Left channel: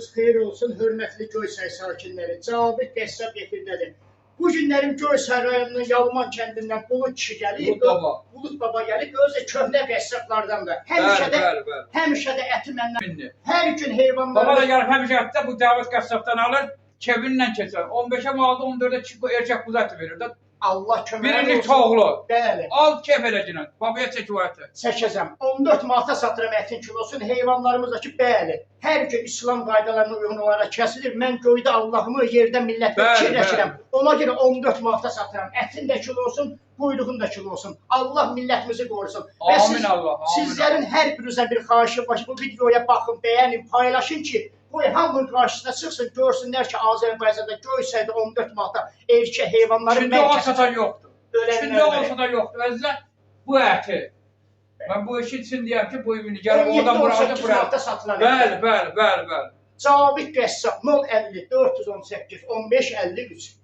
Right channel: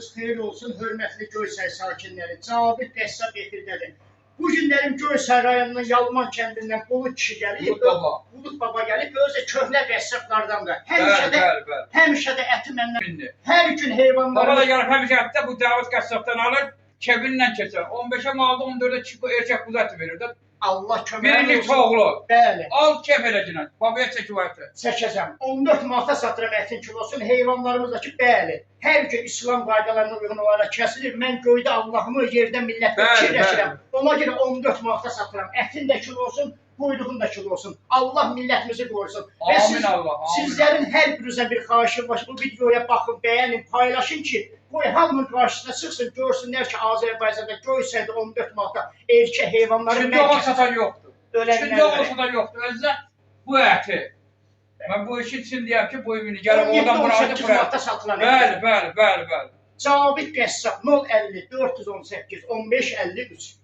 Sabahınız xeyir olsun, hörmətli Göysəy sakinləri. Cavabit qəssab efirdədir. Bu günlərim Göysəy rayonunun Yalman kəndindən Bulut kişi gəlir. Bulut baba gəlib, özü köhnə qəssablardan da. Həmişə də əti məndən. Hər gün heyvanları... Baba da gəlib həmişə ətdə bu Davud qəssabdan alır, kevinlə keçər. 15'e malda 14'e çıkı erkek kuzu eti verir de. Allah köməyi olsun. Birinci çoğulu. Bəli. Al kef edəcəksən. Babaya çək o əti. Çəkəcəm. 14 manata satıram ətin kilosunu. Heyvanlarımızdakı bəli. Hər gün İslam qaydalarına uyğun olaraq kəsilir. Mən göydə Allahımı, yerdə millətlə fikirləşirəm. Ona görə 14 manata satıram. Ətin də kilosun, quyruğun da kilosun. Allah millətimizi qorusun. Amin Allah. Sizlərin hər birinizə bir xahişim var. Bu videoya baxın, bəyənin, paylaşın ki, qoy hamının qarşısına çıxsın, görsünlər ki, Azərbaycanda Göysəydə 14 manata erkək heyvanları... Şimdi o satan yoxdur. Şimdi o satan yoxdur. Özlə bu əti. Mən bu işin için deyəm ki, bu ümini gəlib oradan burada 17-18 manata satılan əti. Bəli. Cavabit qəssab 050 418 15 53.